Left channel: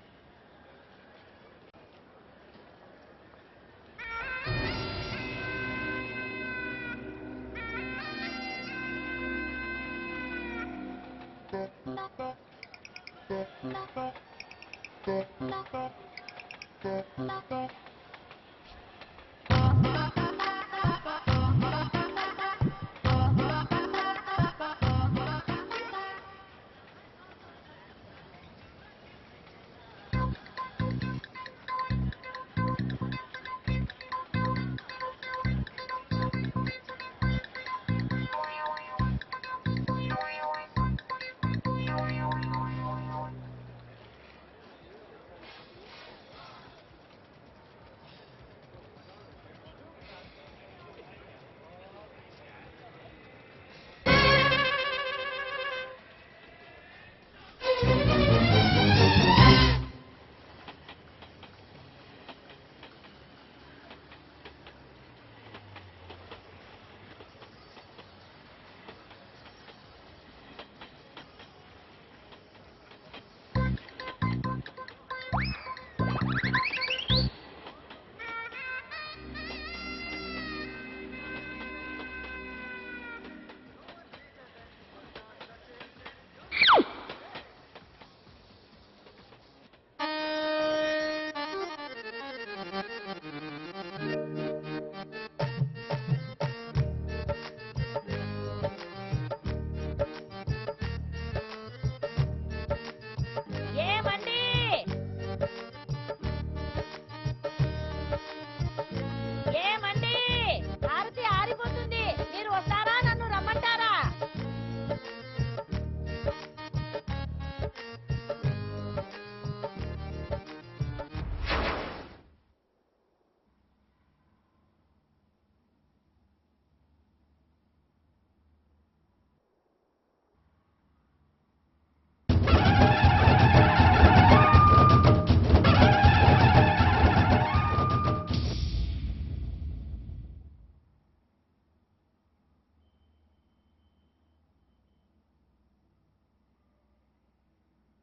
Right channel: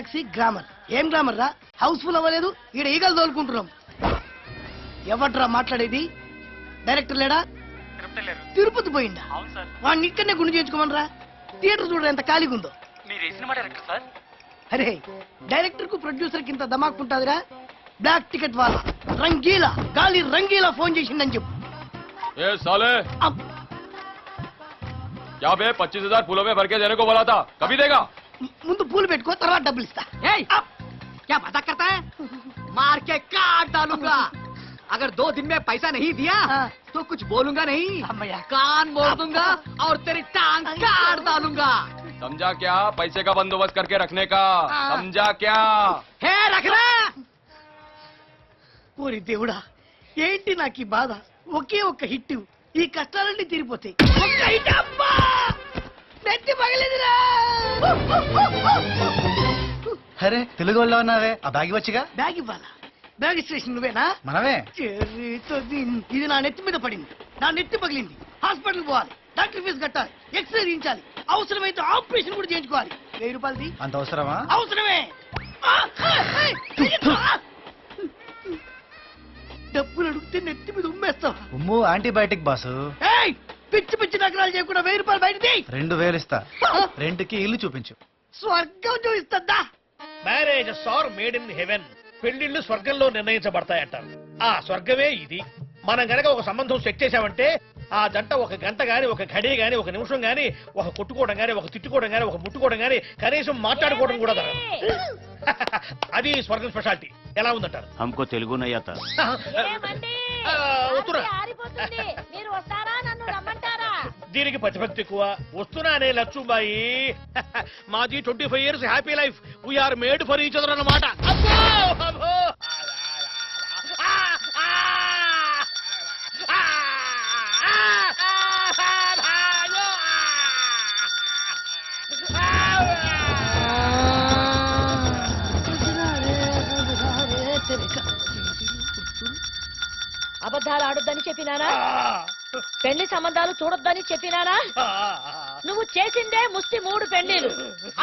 Taxi glamour. ఏం glamour రా, Housefull అవ్వలేదు, ఈడ ఈగలు తోలుకుంటున్నాం. ఎవట్రా మాట్లాడేది? డైరెక్టర్ లేడా? తిరుపతి పోయిందా? వాడిని ఇక్కడనే గుండు చేయించుకోమనరా. థియేటర్ చూడ ఎంత ఖాళీగా ఉందో. అరే డైరెక్టర్ కు ప్రొడ్యూసర్ కి ఇంత ధమాక్ ఉంటుందిరా. బ్లాక్ టికెట్ వాళ్ళ రంగీలా ఖాళీ రంగీలా ఫోన్ చేసిందని చెప్పు. क्या बे 25,000 फूलों में भर के देने को बोला था, कभी देगा? ముందు పూలు పెట్టుకో, తర్వాత డబ్బులు ఇస్తా. क्या मजाक करता है? मार के काट डालूंगा. अगर 2 दिन में पैसा नहीं दिया तो कुछ बोलूंगा नहीं, कान बोल दूंगा और तेरी टांग काट डालूंगा. समझा क्या? पैसे का बंदोबस्त करके रखने का, समझा क्या? है रख रहा. ఓరి దేవుడా, ఏంటి నాకు ఈ బాధ? ఒకే ఒక్క హిట్, ఈ కష్టాలన్నీ తీరిపోతాయి. నెత్తి పగలేదురా. అరే తెలుగు వాళ్ళ ఉన్నావే, ఆ బ్యాగ్ వచ్చిగా. బ్యాగ్ ఇవ్వాలా? బ్యాగ్ స్టేషన్ నువ్వేనా? మనమే. ఇది నా నెత్తి మీద పడింది, నా నెత్తి పగిలింది. హాస్పిటల్ పోవాలి, డాక్టర్ ఫీజు కట్టాలి, ఎక్స్రే తీయించాలి, అవసరమైతే ఆపరేషన్ కూడా చేయించుకోవాలి. 1000 రూపాయలు అంత అవసరమా? అవసరమే. డబ్బులు అడిగితే నెత్తి మీద ఉమ్మేస్తావు. ఉమ్ము యాంటీబయాటిక్ బాసు. పిచ్చి పిచ్చి నగరాలు చేయకుండా 1000 రూపాయలు బయటది. 2000 ఇస్తా. రెంట్కి ఇల్లు చూపించు. స్వర్గం చూపిస్తుందా? Marriage are made in heaven. పెళ్లిళ్ళు స్వర్గంలో నిర్ణయించబడతాయంట. ఆ స్వర్గమే ఇది. మనం గనక ఒక సంబంధం సెట్ చేసామంటే ఆ జంట ఒక గంట గాని, ఒక గడి గాని, ఒక నిమిషం గాని, ఒక కొట్టుకోవడం గాని, ఒక తిట్టుకోవడం గాని, ఒక ముట్టుకోవడం గాని, కనీసం మాట్లాడుకోవడం కూడా అది స్వర్గం స్పెషాలిటీ. ఎలా ఉందంట? हमको तेलुगु नहीं आता. దీనికి ప్రతిభక్తి ఎక్కువ. వస్తున్నానే లక్ష్మీబాయి. మాది 25 years happy life. We are made for each other అన్నమాట. అబద్ధాలు ఆడొద్దని చెప్పినానా? పెళ్లి సంబంధాలు చూడొద్దని చెప్పినానా? నువ్వు చేసిందే ముష్టి 3 పెళ్లిలు.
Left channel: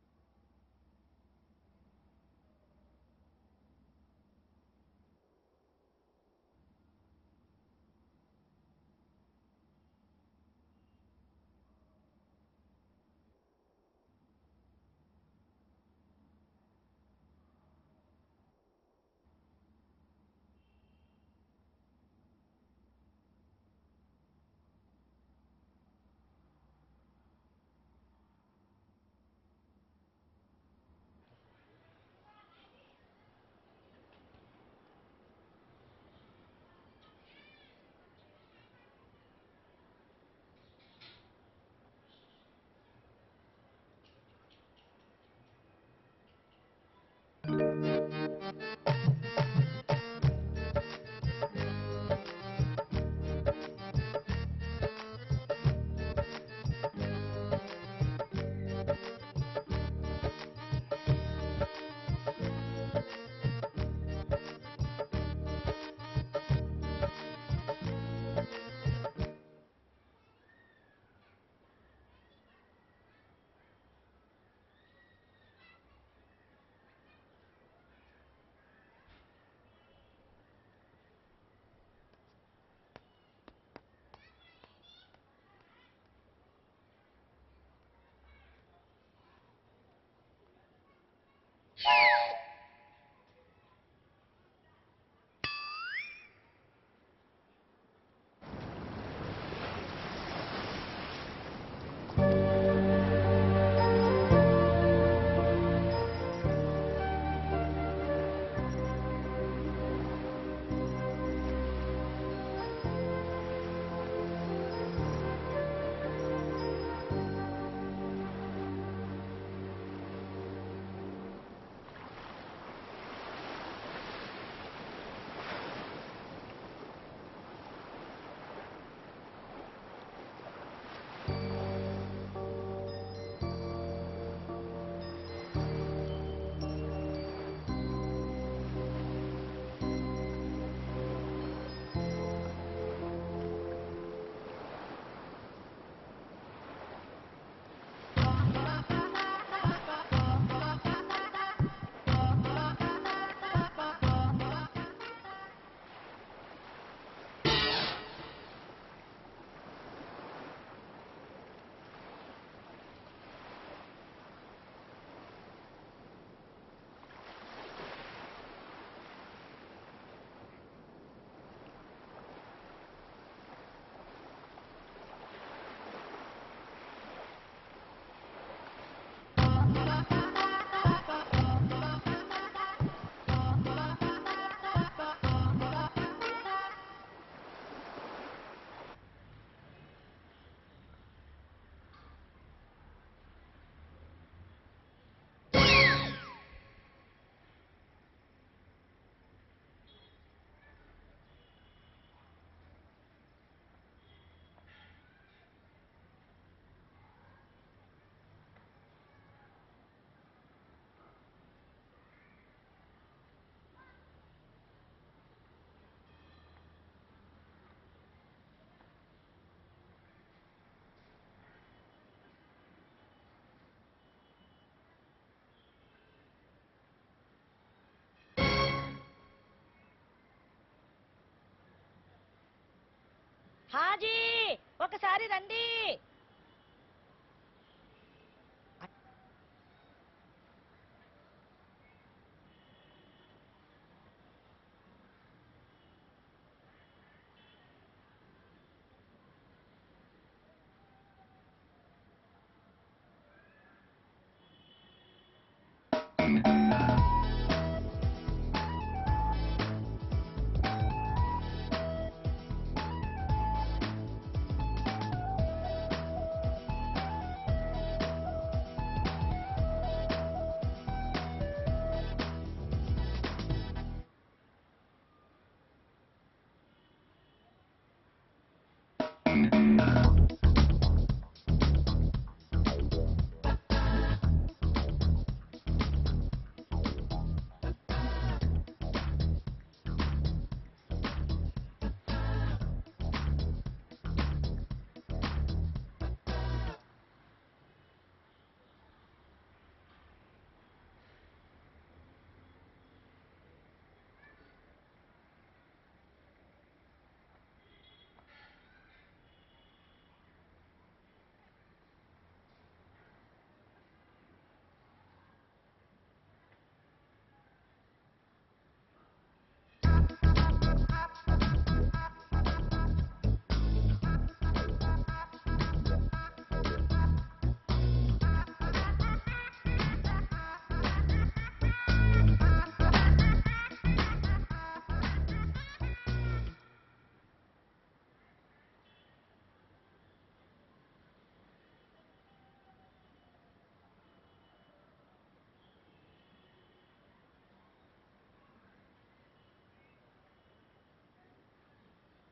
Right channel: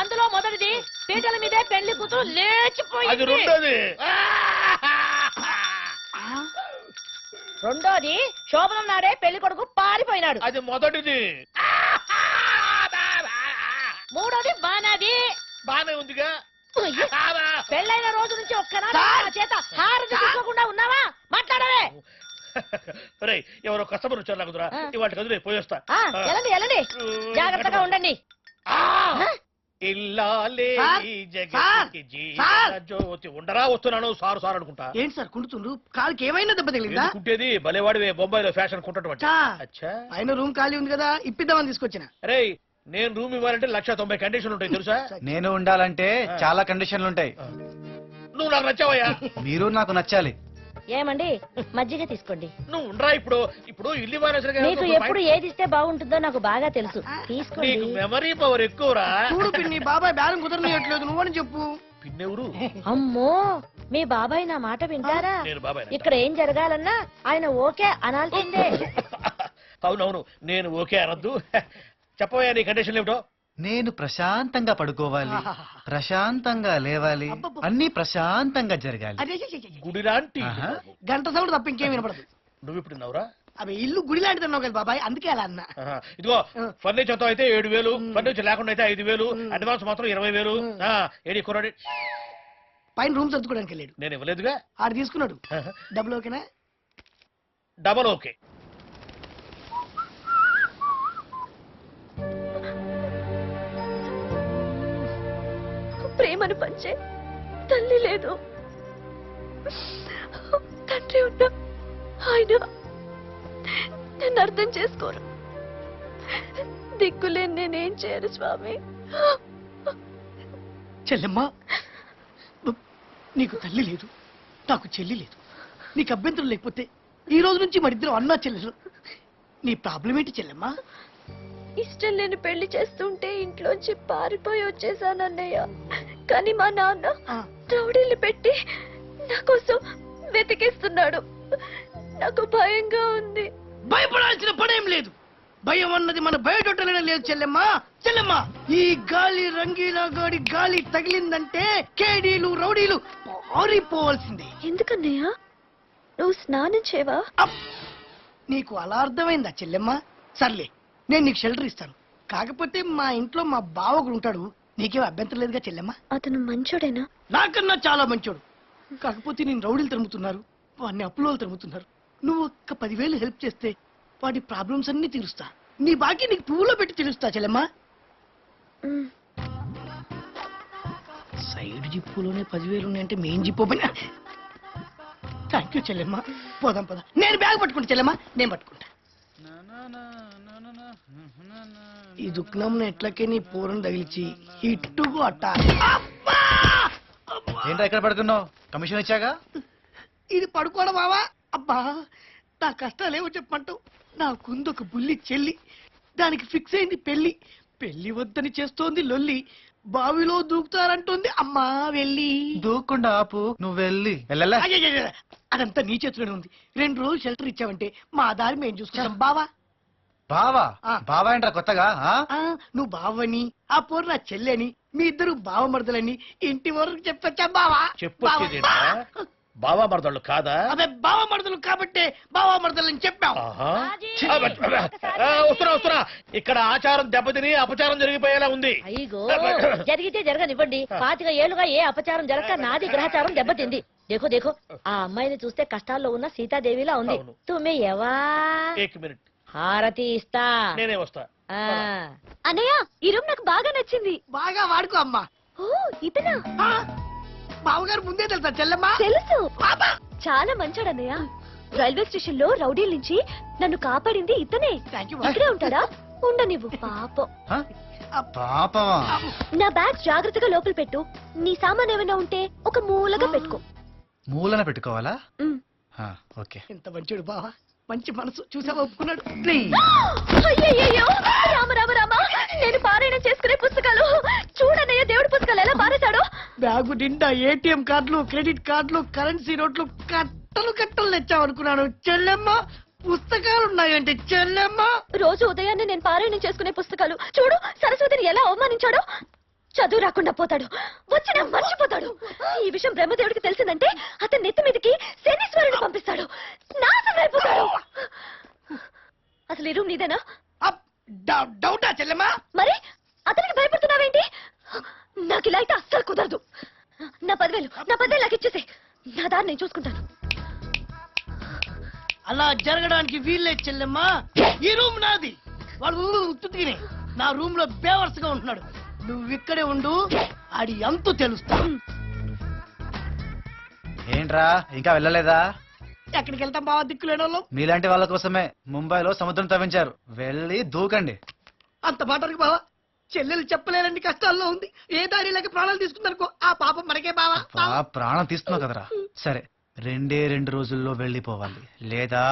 అందులో మొదటిది పీటల మీదే పెళ్లి కూతురు లేచిపోయింది. రెండోది శోభనం నాడే పెళ్లి కొడుకు పారిపోయినాడు. అది మొదటిది. మూడోది బానాది. బానే ఉందిగా. పెళ్ళైన రోజు నుంచి ఒక్కనాడు చేత హారతి తీసుకోకుండా ఉన్నావా? మాట్లాడవే. ఎవరో కస్టమర్ వచ్చారు నాకురా. ఇవాళ కదులే పోయేస్తా. ఎలాండి ఎలాండి, జాగ్రత్తగా ఉండండి. జ్యోతి ఉండరా? వస్తున్నాను సారు సార్ అనుకుంటా. ఏంటి సార్ కుంటుతుండ్రు? కాలుకి ఏమైనా దెబ్బ తగిలిందా? కుంటేది భలేవాడివే, బొంబాయిలో ఫ్యాషన్ కుంటడం. ఆయన రూమ్ ఖాళీ ఉంది కదా, ఇప్పిద్దామని తీసుకొచ్చిన. అరే నేను రూమ్ ఇవ్వాలంటే 190 కండిషన్లు ఉంటాయి తెలుసా? నేను ఉండాలంటే చాలా కండిషన్లు ఉంటాయి. నువ్వు నాకు నచ్చావయ్యా. మీరు నాకు నచ్చాలి. ఏమండి మజ్జిగ తీసుకోండి. నువ్వు ఉండరా. ఇప్పుడు ఇప్పుడు ఇల్లు మీకు ఎప్పుడు ఏది ఇస్తే బాగుంటుందో నాకు బాగా తెలుసు. తీసుకోండి. మెమరీ పవర్ ఎక్కువరా. చూడు పిన్ని, బాబాయ్ బేరం కుదరనియట్లేదు, నువ్వని చెప్పు. అమ్మో, మీ బాబాయ్ నా మాట వింటారా? ఇక్కడ ఏం జరగాలన్నా ఆయన ఓకే అనాల్సిందే. అవునవును, నేను ఓకే అనద్దు. చెప్పవయ్యా నీ కండిషన్ ఏమిటో. నేను ప్రశాంతంగా పడుకోవాలి, ప్రశాంతంగా లేవాలి, అన్ని ప్రశాంతంగా జరగాలి. గుడి లాంటి గంట సౌండ్ తప్ప ఇంకేం వినపడదు. నువ్వు ఇప్పుడు నవ్వురా. అవి ఇల్లు గుడి లాంటిది అన్నావు కదా బాబాయ్, అందుకే అలా అన్నా. ఇదిగో ఫర్నిచర్ తో అయితే 7,000, ఫర్నిచర్ లేకుండా అయితే 5,000, అడ్వాన్స్ మాత్రం 20,000. ఏడి కుర్రాడి పైన రూమ్ సర్దుకోవడానికి వెళ్ళాడు. నేను ఇవ్వలేదుగా. ఆడు తీసుకున్నాడు. డబ్బులు ఓకేనా? Double okay. ప్రేమను పంచే తల్లి లేదు, తండ్రి ఉన్నా ఆయన నేను అర్థం చేసుకోను. దిక్కులేని నేనేం చేయను స్వామి. చెల్లెమ్మా, నీకు తల్లి లేదు, నాకు చెల్లి లేదు. నీకు అభ్యంతరం లేకపోతే ఈ రోజు నుంచి మరిద్దరం అన్నా చెల్లెలు. నీ ప్రాబ్లం ఏంటి చెల్లెమ్మా? ఇష్టం లేని పెళ్లి చేస్తుంటే ఇంట్లోంచి పారిపోయి వచ్చేసానన్నయ్య. కానీ మా నాన్న రౌడీలు పెట్టి నా కోసం వెతికిస్తున్నాడు. నాకు భయంగా ఉంది. భయపడాల్సిన పనేం లేదు. భయం అన్నది మన బయటొట్టలేనే లేదు చెల్లెమ్మా. చెల్లెమ్మ ఈ గాలి రంగీలా గాడి గాలి తగిలిందంటే కేడీలు రౌడీలు ఆరిపోవాల్సిందే. ఎందుకన్నయ్య నువ్వు స్నానం చేయవా? అప్! నీకు అలా అర్థమైందా చెల్లెమ్మ? సర్లే నేను నీకు షెల్టర్ ఇస్తాను. కాకపోతే మా ఇంట్లో మా బావకుడు ఉంటాడు, నీకేం అభ్యంతరం లేదుగా చెల్లెమ్మ? అతను మంచోడేనా? నాకన్నా చాలా మంచోడు. కాకపోతే నేను రౌడీలు తిరుగుతున్నారు, వాడిని అప్పులోలు తిరుగుతున్నారు. నువ్వు ఒక్క 10,000 హెల్ప్ చేస్తే వాడి ప్రాబ్లమ్స్ అన్ని తీరుస్తా. నీ బాకీ నీకు పువ్వులో పెట్టి తెలుస్తా చెల్లెమ్మ. ఉమ్. సైడ్ జిప్పులోనే 10,000 ఉన్నాయంటే మెయిన్ జిప్పు పైన. థ్యాంక్ యూ చెల్లెమ్మ. పోదాం పద. నేను బ్యాగ్ పట్టుకుంటా చెల్లెమ్మ, నేను పట్టుకుంటా. ఈ దుఃఖం ఎట్లకే నీ పూరం తగిలిచి ఇట్టుకు అట్ట. అబ్బా! అబ్బా! ఏంట్రా ఎక్కడ పడుకున్నావు? కమిషన్ ఇచ్చాగా. ఇది పడుకోవడం బావా? అబ్బా నా కష్టాలేమో చెప్పంటూ నాకుంది ఒక బుల్లి చెల్లి, దానికి ఫిక్స్ అయింది పెళ్లి. పెళ్లి వద్దని చేస్తోంది లొల్లి, బావిలో దూకుతారంటోంది అమ్మా వెళ్ళి. దూక్కుండా ఆపు, నువ్వు వెళ్ళలా. అయ్యయ్యయ్య, అదంతా నీ చేతిలోనే ఉంది. 2 రోజులు షెల్టర్ ఇచ్చావంటే మా దారి మేము చూసుకుంటాం బావా. బావా ఆ. బావా ఏంట్రా కొత్తగా? ఆ? ఆ, నువ్వు బావని, ఆ పోరు నా చెల్లెని, మీ ఇద్దరు బావమరదలని ఇంటి వరకు చెప్పొచ్చా బావా? చెప్పొచ్చేది ఏంటా? బావా మరదళ్ళు కాదా? అదే బావమరదలు కాబట్టే బావమరదలని చెప్పావు. ఆహా. రాజీ, ఒకసారి వస్తున్నా. ఇక్కడ ఆచారం దెబ్బతిని అపచారం జరిగిపోయేలా ఉంది. అయ్యో జరిగితే జరగనివ్వండి. 25 ఏళ్లుగా ఏ అపచారం జరగక నాది గ్రహచారం దెబ్బతింది. దేఖో దేఖో, ఆ అమ్మాయిని చూస్తే కష్టాల్లో ఉన్న సీతాదేవిలా ఉంది. అవును. తుమ్మి ఎవా? 1 మినిట్, హారతి ఇస్తా. నేనే వస్తా. ఆ. అన్నయ్య ఈ రూమ్ నాకు బాగా నచ్చింది. బాగా వాడుకో అమ్మా. ఓ ఇతనా? ఆ, బావగారు ముందే తెలుసా చెల్లెమ్మా? తెలుసు, అబ్బా! చాలా మంచోడు అన్నయ్య. రైల్వే స్టేషన్ లో రౌడీల నుంచి నన్ను కాపాడింది ఇతనే. Thank you. ఇక్కడే ఉంటాడా? ఉండనివ్వు పాపం. ఆ? పాపమా? నా బ్యాగ్ జాగ్రత్తగా లోపల పెట్టు. నీ సామాన్ ఏమైనా ఉంటే ఒక మూలగా పెట్టుకో. మూలన పెట్టుకోవాలా? ఉమ్. ఆ, ఓకే. ఎంత మంచిడు బావా, మంచి మనసు చూసావా? ఒప్పుకున్నాడు. అయ్యయ్యయ్యో! రామ రామ రామ! నేను పారాయణం చేసుకునే పుస్తకాలు చూడన్నయ్య, దేవుడి పుస్తకాలు ఎలా పారేశాడో. బ్యాగు నిండా ఏటీఎం కార్డులు, క్రెడిట్ కార్డులు, కరెన్సీ నోట్లు కట్టలు కట్టలు తెచ్చావనుకున్నాను చెల్లెమ్మ. పుస్తకాలు ఉన్నాయంటే చెల్లెమ్మ. రోజు ఉదయాన్నే నేను పారాయణం చేసుకునే పుస్తకాలు చూడు, సరస్వతిని ఎలా అవమానించాడో. చదువు రాకుండా పోతాడు, వచ్చినా మర్చిపోతాడు. ఈ విషయం బ్రహ్మదేవుడికి తెలిసిందంటే అతని నెత్తి మీదకి శనీశ్వరుని పంపిస్తాడు, నాశనం అయిపోతాడు. అసలు ఈ రూమ్ నీదేనా? అప్! డౌటా చెల్లెమ్మ? మరి అతనికి భయపడుతున్నావేంటి? నాకు ఇలా అయితే అస్సలు కుదరదు. నా 10,000 నాకు ఇచ్చేసే. నా దారి నేను చూసుకుంటాను. అలా జరగడానికి వీల్లే చెల్లెమ్మ. ఈ రూమ్ నాది, వాడు ఉత్తుతినే నా రూమ్ లో బేవర్స్ గా ఉంటున్నాడు. నువ్వు ఇక్కడే ఉండు, ఆడి ఎంతో తెలుస్తా. ఏంట్రా ఇంకా వెళ్ళలేదా? ఎక్కడికి వెళ్తాం బావా దిక్కులేని వాళ్ళం? మీలాంటి వాళ్ళ కోసమే ముంబైలో సముద్రం తవ్వించారు, వెళ్ళి దూకండి. అంత మాటకి బావా, చెల్లెలు చెప్పలేనండి కష్టాల్లో ఉంది. ఏ దారిలోకి ప్రాణాలు తీసుకుందనుకో, ఆ పాపం మనకే బావా. ప్రాణం తీస్తున్నావు కదరా. సరే 2 రోజుల్లో వెళ్ళిపోవాలి, లేదా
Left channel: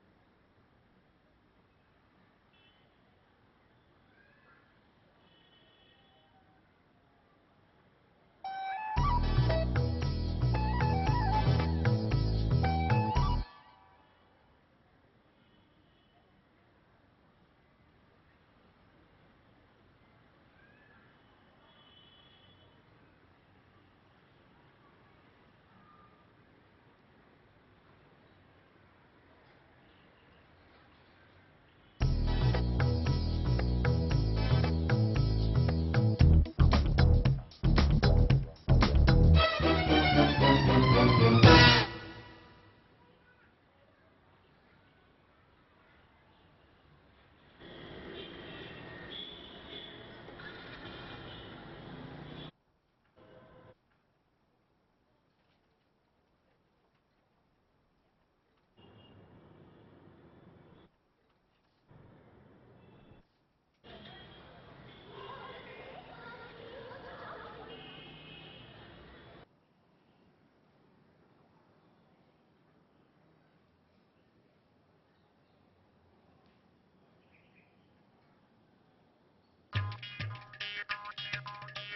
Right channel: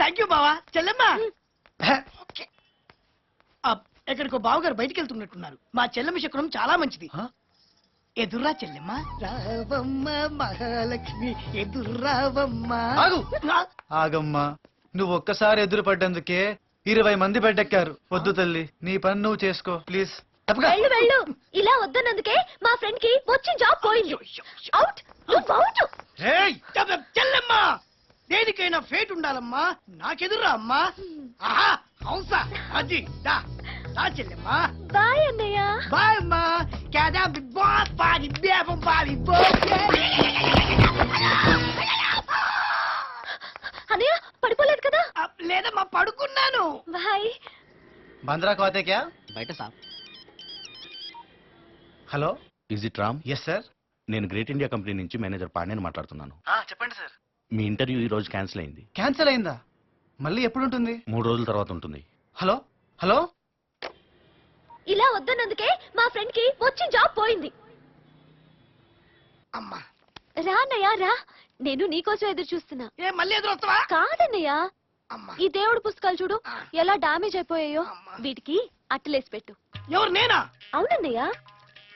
థ్యాంక్ యూ బావా. చెల్లెమ్మ ఓకే. ఎక్కడికో బావగారు బయటికి వెళ్తున్నట్టున్నారు. మా చెల్లెమ్మ శకునం చాలా మంచిది. ఆ? ఎదుర్రా చెల్లెమ్మ. రావమ్మ మహాలక్ష్మి ఎదుర్రావమ్మ. ఆగు. ఆగమ్మా, నువ్వు ఒక్కసారి ఎదురు పడ్డందుకే 20 మంది బెడ్డెక్కారు. వద్దు తల్లి, నీ పని నువ్వు చేసుకో ప్లీజ్. తప్పగా. వెళ్ళు వెళ్ళు. ఇలా వద్దన్నందుకే మా ఫ్రెండ్ కి వచ్చి జాబ్ పోయింది. అవుట్, నువ్వు అవుట్. రేయ్! చెల్లెమ్మ, దేనికైనా ఫేట్ ఉండాలమ్మా. నాకెదుర్రా అమ్మా. ఆహా, అవుసా అది దా చెల్లెమ్మ. బాయ్ అన్నయ్య. బాయ్ అమ్మా. Cada boss body devil body అన్నయ్య పడిపోలేదు కదా? లేదమ్మా, పడుకున్నాను. బాయ్. బంద్రా కోతే క్యా? బయట sir. Hello, is it Ram? Yes sir. నేను గ్రేట్ ఇండియా కంపెనీ నుంచి మేనేజర్ పాండ్యని మాట్లాడుతున్నాను. చెప్పండి సార్. మీ ఇంటర్వ్యూ ఈ రోజు క్యాన్సిల్ అయింది. క్యాన్సిల్ అయిందా? మళ్ళీ ఎప్పుడు ఉంటుంది? 3 రోజుల తర్వాత ఉంటుంది. Hello hello. ఇలా వద్దన్నందుకే మా ఫ్రెండ్ కి వచ్చి జాబ్ పోయింది. అమ్మా, రా అన్నయ్య రా, నేను నీకోసం ఎదురు చూస్తున్నా. ఏ మళ్ళీ ఎదురు వస్తావా? కాదన్నయ్య, అమ్మా, ఈ దేవుడి పుస్తకాలు చూడు ఎలా డామేజ్ అయిపోయాయో. అమ్మా. వీటికి అట్టలేసి పెట్టు. ఎవరు నేనా? అవునన్నయ్య.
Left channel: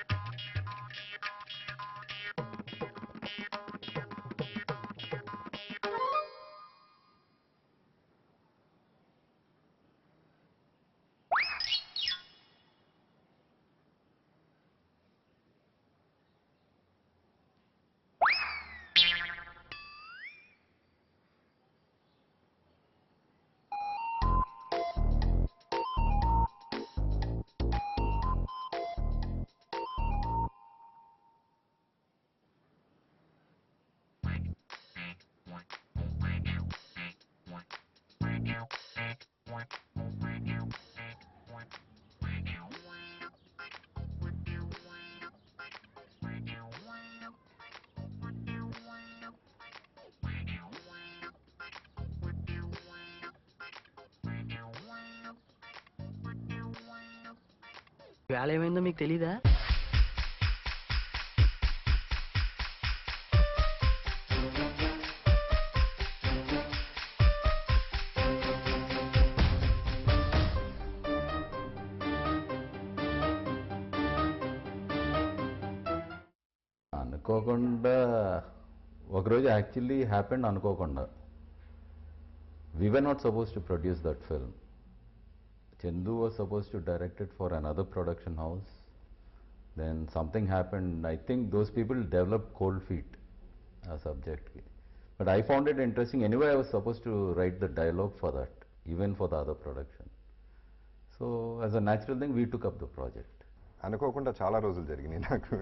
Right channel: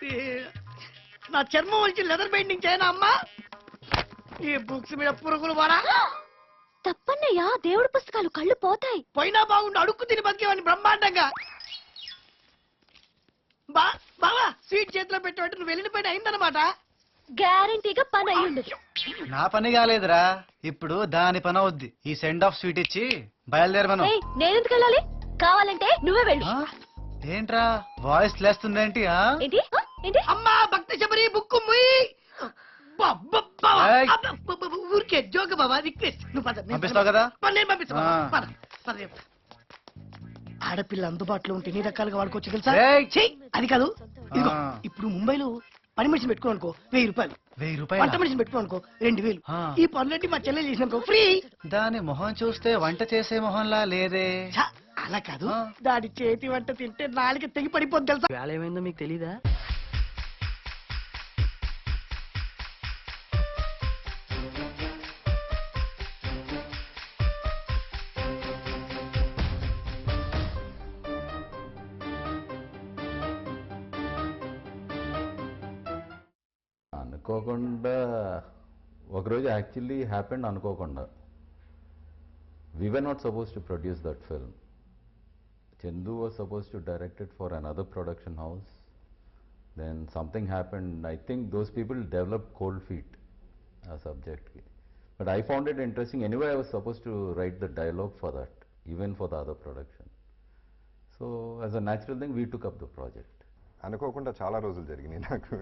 ఏ, నా చర్మం వచ్చి లెదర్ బైండింగ్ చేయనా అమ్మా? ఈ బుక్స్ మీద పురుగులు వాడా? తప్పన్నయ్య, దేవుడి పుస్తకాలు కళ్ళు పోతాయి. పోయినా బాగుండు, అడుక్కు తిని బతికేవాడిని బ్రహ్మాండంగా. బావా స్వీట్ చేతిలో పెట్టబట్టి నువ్వు వెళ్ళిన పని అయిందన్నమాట. గ్యారంటీగా పని అయ్యుండదు. నా పని కాలేదురా, ఇప్పుడు దాని పని అవుద్ది. ఈ సెండ్ ఆఫ్ స్వీట్ ఇచ్చి బయలుదేరమను. ఏయ్, నేనెందుకు వెళ్ళాలి? కావాలంటే నువ్వే వెళ్ళు. ఆ? ఏంట్రా వాయిస్ లేస్తుందేంటి? ఆ? ఏంటి ఏంటి? అమ్మా భక్తి శబరి బుక్కు ముయ్యి. ఏయ్. ఊరికే జోక బాబా రిక్వెస్ట్. నువ్వు పద, నేను పంపిస్తావు కదా? నేను పంపిస్తా బావా. ఆ. పద, పద. ఆడపిల్ల అందుబాటులో ఉంటే ఎన్ని రకాలుగా వాడుకోవచ్చు తెలుసా? ఏయ్. ఛీ, అది కాదు. ఇదిగో ఆ. ఇప్పుడు ముంబైలో పని మనిషిని పెట్టుకోనుకో 1000 రూపాయలు, 1000 వంట రూపాయలు. మనిషిని పెట్టుకోనుకో 2000. ఆ. ఈ పనులన్నీ మా చెల్లెలు చేసినాకో ఫ్రీ. దాని మొహం చూస్తే వంట చేసే మొహంలా లేదే. ఛ, అలా కాదు, ఆ. దాని చేతి వంట తింటే నాలుగు తెగి పడిపోద్ది తెలుసా? వేళ ఏమైందో మీకు తెలీదా? అనుకోకుండా ఒకరోజు యాక్చువల్లీ హ్యాపెండ్ అనుకోకుండా. We were not supposed to produce that film. Chandu was supposed to direct it for another production house. Then something happened. I think those people developed cold feet a subject. But I found it interesting. Anyway, I was supposed to write the dialogue for that, even for the other production. So as a natural thing, we took up the project. అనుకోకుండా చాలా రోజులు జరిగినాయి నాకు.